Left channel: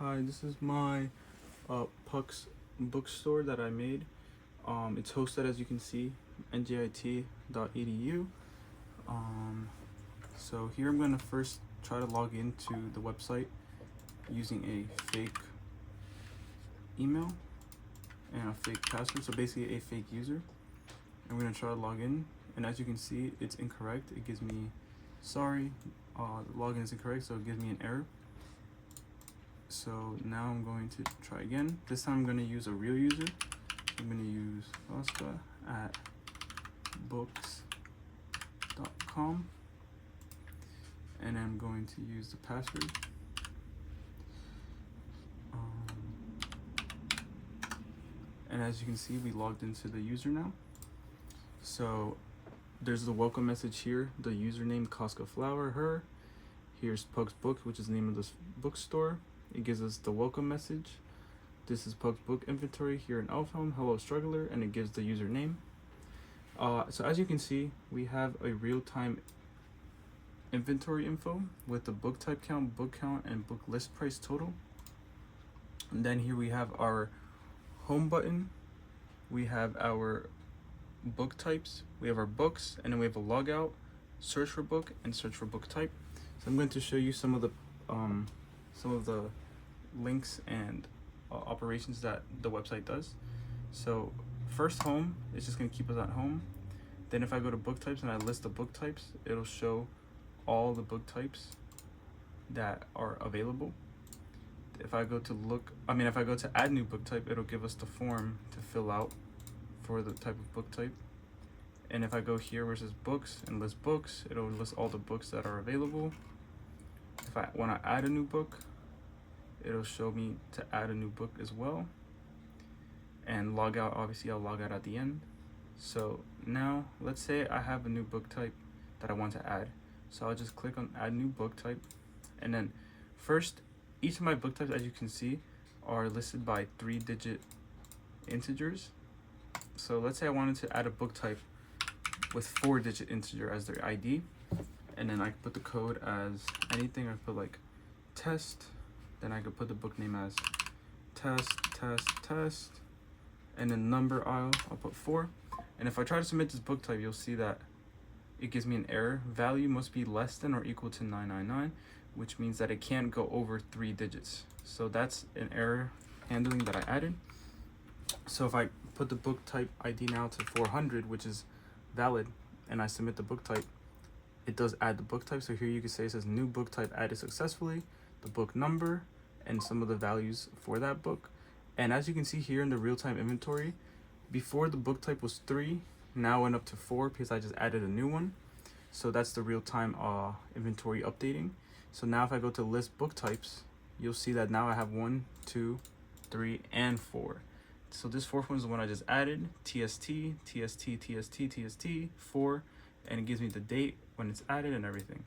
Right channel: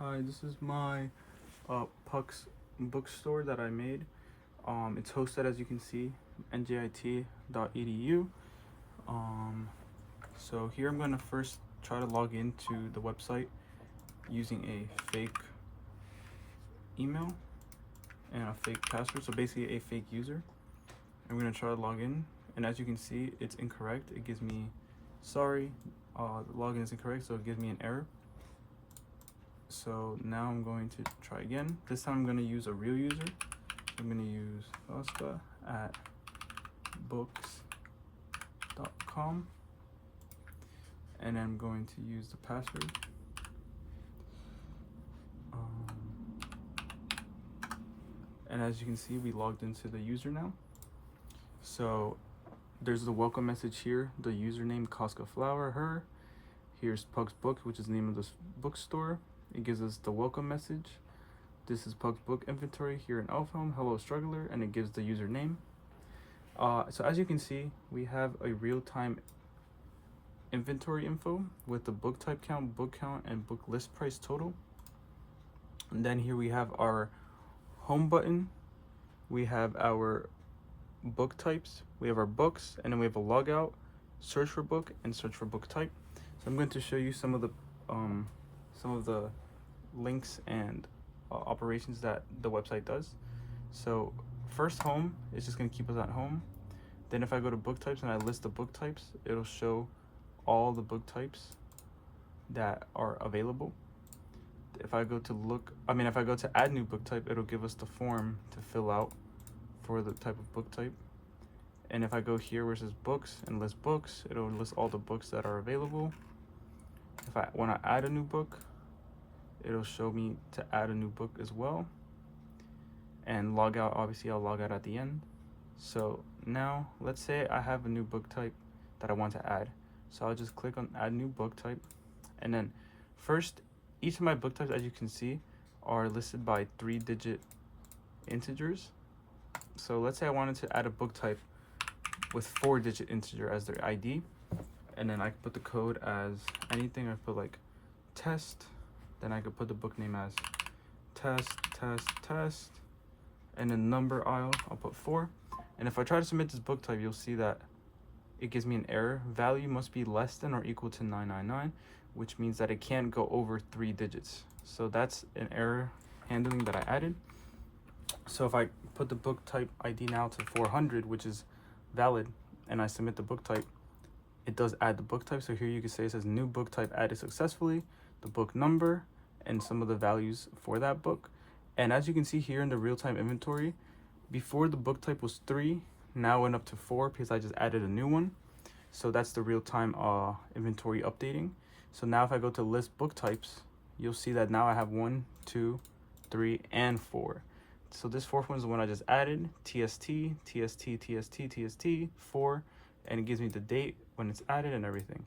Hi, this is my Puck's bookstore that I made. It's hosted, as you can see, njit.edu. Um, so here I'm going to first try to log into the website using a fake email and a fake password, so basically a fake user. I'm going to try to log in, and as you can see, it's incorrect. It gives me, sorry, the login is incorrect, so it gives me an error. So now I'm going to try again. This time I'm going to use a real user. I'm going to use oscar@books.com, and I'm going to use the password. And as you can see, we logged into the user now. So there's the welcome message here, the username Costco Flower, her. Here's Pug's Book, which is the name of this bookstore. It gives us the welcome message. This is Pug's Book inventory here in Elfhelm. Hello, struggler, and it gives the username. So as you can see, we have a real-time inventory info with the book type count, and book list price total. And then here we have our home button. We have our book types. We have our books, and then we have a logout, search for book, and search for book type. So I'm going to show you some of the links and operations that the website does. So first, home is just going to keep us at home. Then if I go to book types and I list the book types, it'll show all the book types that are available. If I go to add new book type, it'll give us the form to fill out for the type of book type. And if I go here where it says books and list books, it'll list all the books that are available. If I want to add a new book, it'll show me to add a new book as well. And log out, obviously I'll log out at the end. So now let's say I have a new book type that I want to add. So I'll just click on add new book type. And then first, each of my book types, as you can see, are listed by 3-digit integers. So let's say I wanted to add a book type with 4-digit integer as their ID. And then I put the code as anything. I put like test. Then I could put the book name as test. And then number I'll put 4. And if I try to submit this book type, you'll see that it gives me an error. Value must be less than or equal to 999, which means that it can't go over 3 digits. So that's an error handling that I added. So if I put the book type ID now to 400, which is valid, and I submit the book type, it does add the book type. So here you can say it says new book type added successfully, the book number, and some of the values for that book. And as you can see here in the real-time inventory, before the book type was 3, now went up to 4 because I just added a new one. So that's the real-time inventory updating. So now if I go to list book types, you'll see that now I have 1, 2, 3, and 4. So this fourth one is the one I just added, TST, 4, and it gives me the date when it's added and everything.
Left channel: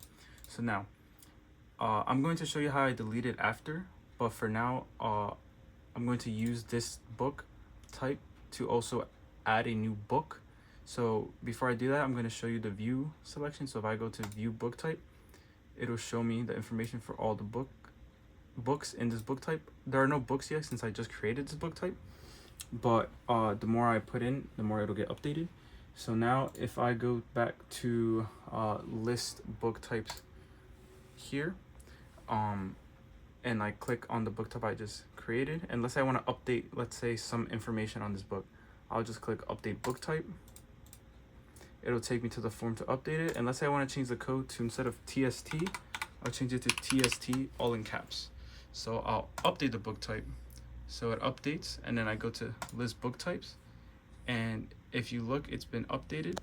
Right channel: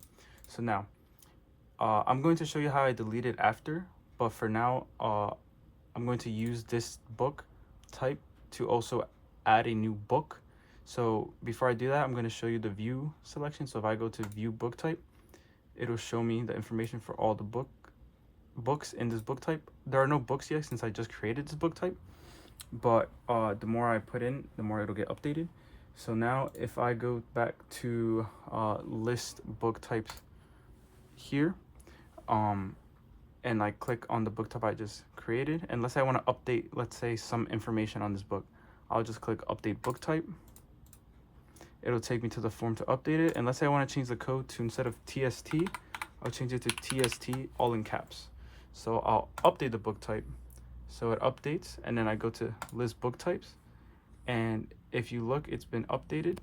So now, I'm going to show you how I delete it after, but for now, I'm going to use this book type to also add a new book. So before I do that, I'm going to show you the view selection. So if I go to view book type, it'll show me the information for all the books in this book type. There are no books yet since I just created this book type, but the more I put in, the more it'll get updated. So now if I go back to list book types here, and I click on the book type I just created, and let's say I want to update, let's say, some information on this book, I'll just click update book type. It'll take me to the form to update it. And let's say I want to change the code to, instead of TST, I'll change it to TST all in caps. So I'll update the book type. So it updates, and then I go to list book types, and if you look, it's been updated.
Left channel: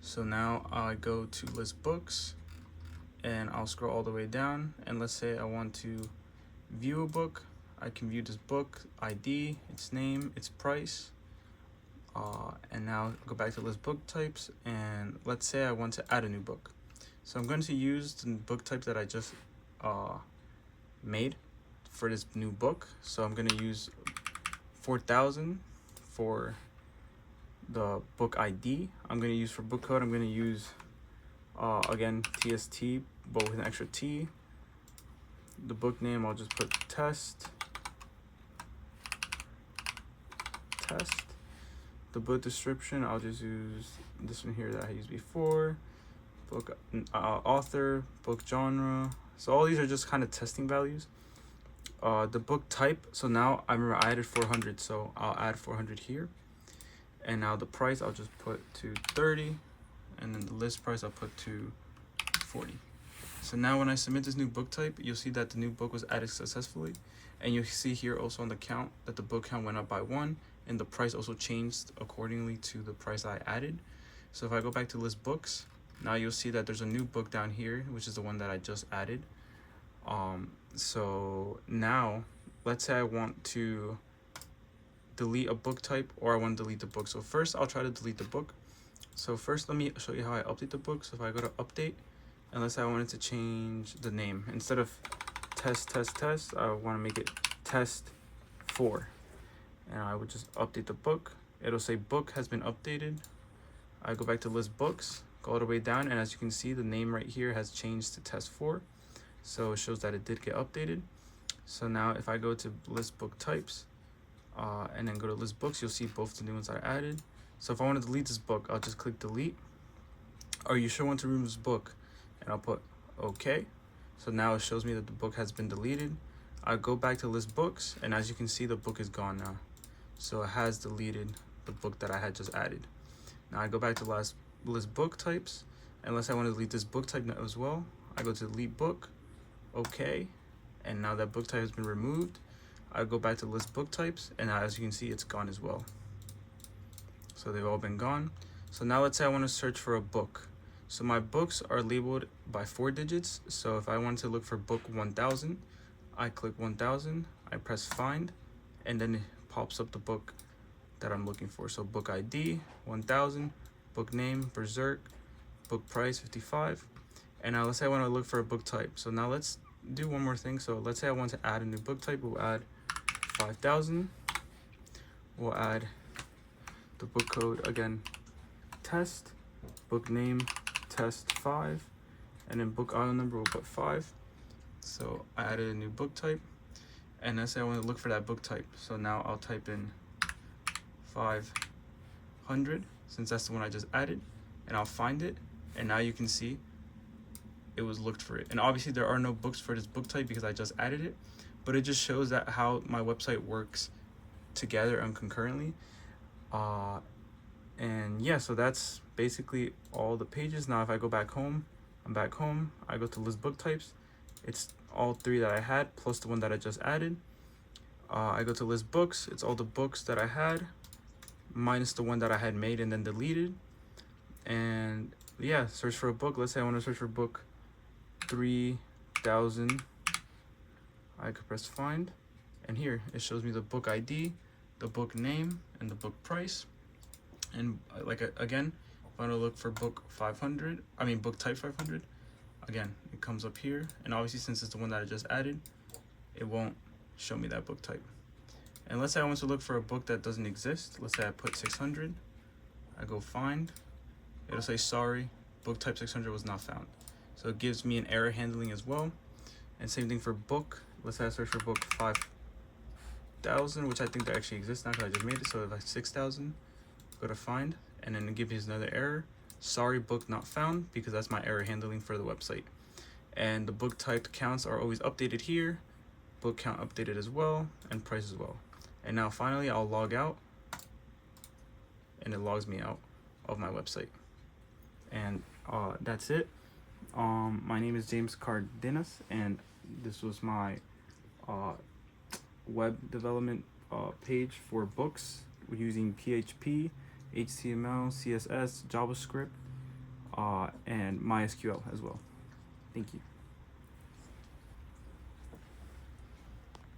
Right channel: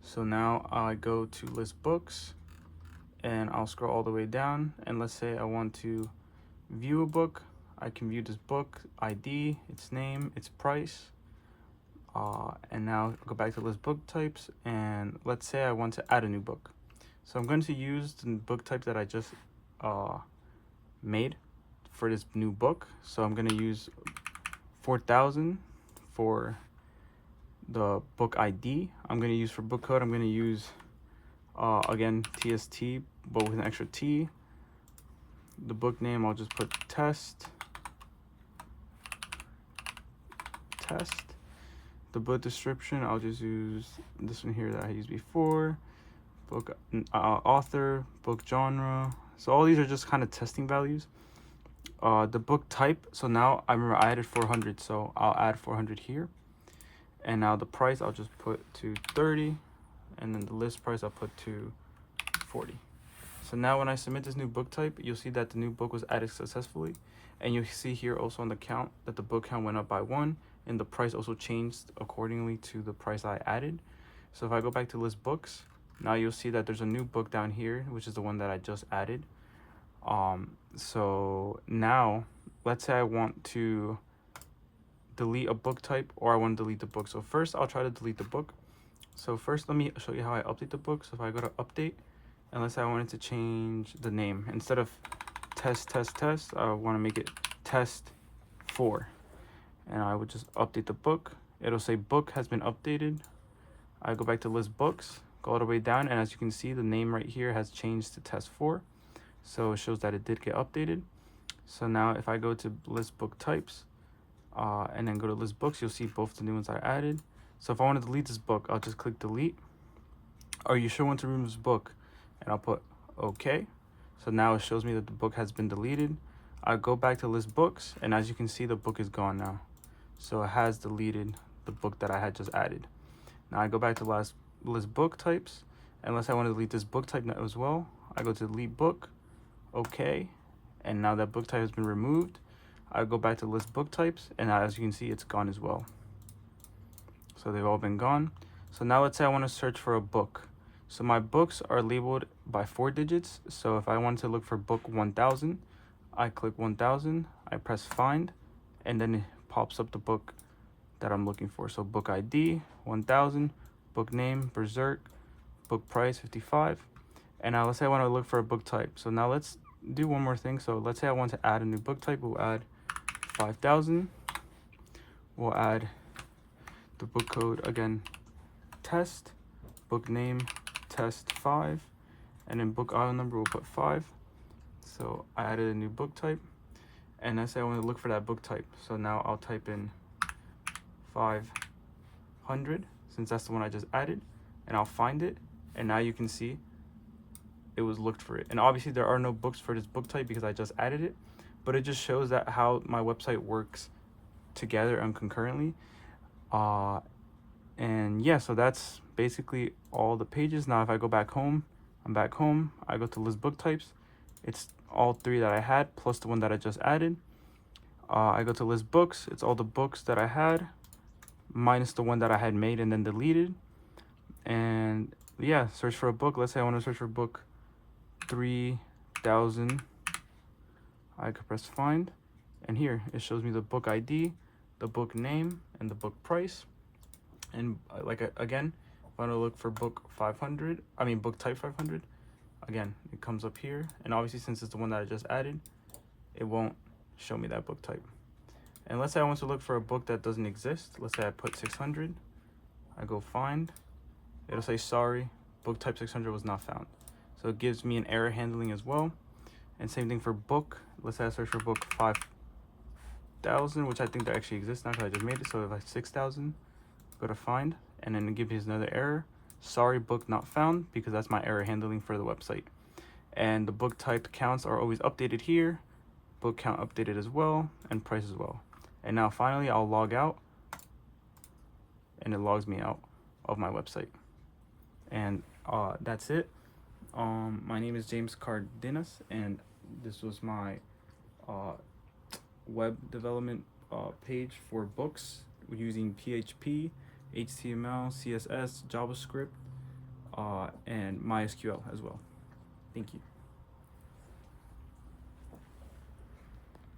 So now I go to list books, and I'll scroll all the way down, and let's say I want to view a book. I can view this book ID, its name, its price, and now go back to list book types, and let's say I want to add a new book. So I'm going to use the book type that I just made for this new book. So I'm going to use 4000 for the book ID. I'm going to use for book code, I'm going to use again TST, but with an extra T. the book name, I'll just put test. The book description, I'll just use this one here that I used before. Book author, book genre. So all these are just kind of testing values. The book type, so now I remember I added 400, so I'll add 400 here. And now the price, I'll just put to 30, and then the list price I'll put to 40. So now when I submit this new book type, you'll see that the new book was added successfully. And you see here also on the count that the book count went up by 1, and the price also changed accordingly to the price I added. So if I go back to list books, now you'll see that there's a new book down here, which is the one that I just added. So now let's say I want to delete a book type, or I want to delete the book. So first I'll try to delete the book. So first let me show you how I update the book. So if I go to update, and let's say I wanted to change the name, instead of test, I want to make it test4, and I would just update the book. It'll say book has been updated. I go back to list books, go all the way down, and as you can see, the name right here has changed to test4, so it shows that it did get updated. So now if I go to list book types, and then go to list books, you'll see both the new ones I added. So if I want to delete this book, I'll just click delete. Are you sure want to remove this book? And I'll put okay. So now it shows me that the book has been deleted. I go back to list books, and as you can see, the book is gone now. So it has deleted the book that I had just added. Now I go back to list book types. Unless I want to delete this book type as well, I go to delete book, okay. And now that book type has been removed. I go back to list book types, and as you can see, it's gone as well. So they've all been gone. So now let's say I want to search for a book. So my books are labeled by 4 digits. So if I want to look for book 1000, I click 1000, I press find, and then it pops up the book that I'm looking for. So book ID 1000, book name Berserk, book price 55. And now let's say I want to look for a book type. So now let's do one more thing. So let's say I want to add a new book type. We'll add 5000. We'll add the book code again, test, book name test5, and then book aisle number we'll put 5. So I added a new book type, and I say I want to look for that book type. So now I'll type in 500, since that's the one I just added, and I'll find it. And now you can see it was looked for it. And obviously there are no books for this book type because I just added it, but it just shows that how my website works together and concurrently. And yeah, so that's basically all the pages. Now if I go back home, I'm back home, I go to list book types, it's all 3 that I had plus the one that I just added. I go to list books, it's all the books that I had minus the one that I had made and then deleted. And yeah, search for a book. Let's say I want to search for book 3000. I could press find, and here it shows me the book ID, the book name, and the book price. And again, if I want to look for book 500, book type 500, again, it comes up here. And obviously since it's the one that I just added, it won't show me that book type. And let's say I want to look for a book that doesn't exist. Let's say I put 600, I go find, it'll say sorry, book type 600 was not found. So it gives me an error handling as well. And same thing for book. Let's say I search for book 5000, which I think that actually exists now because I just made it. So if I 6000, go to find, and then it gives me another error. Sorry, book not found, because that's my error handling for the website. And the book type counts are always updated here. Book count updated as well, and price as well. And now finally I'll log out, and it logs me out of my website. And that's it. My name is James Cardenas, and this was my web development page for books using PHP, HTML, CSS, JavaScript, and MySQL as well. Thank you.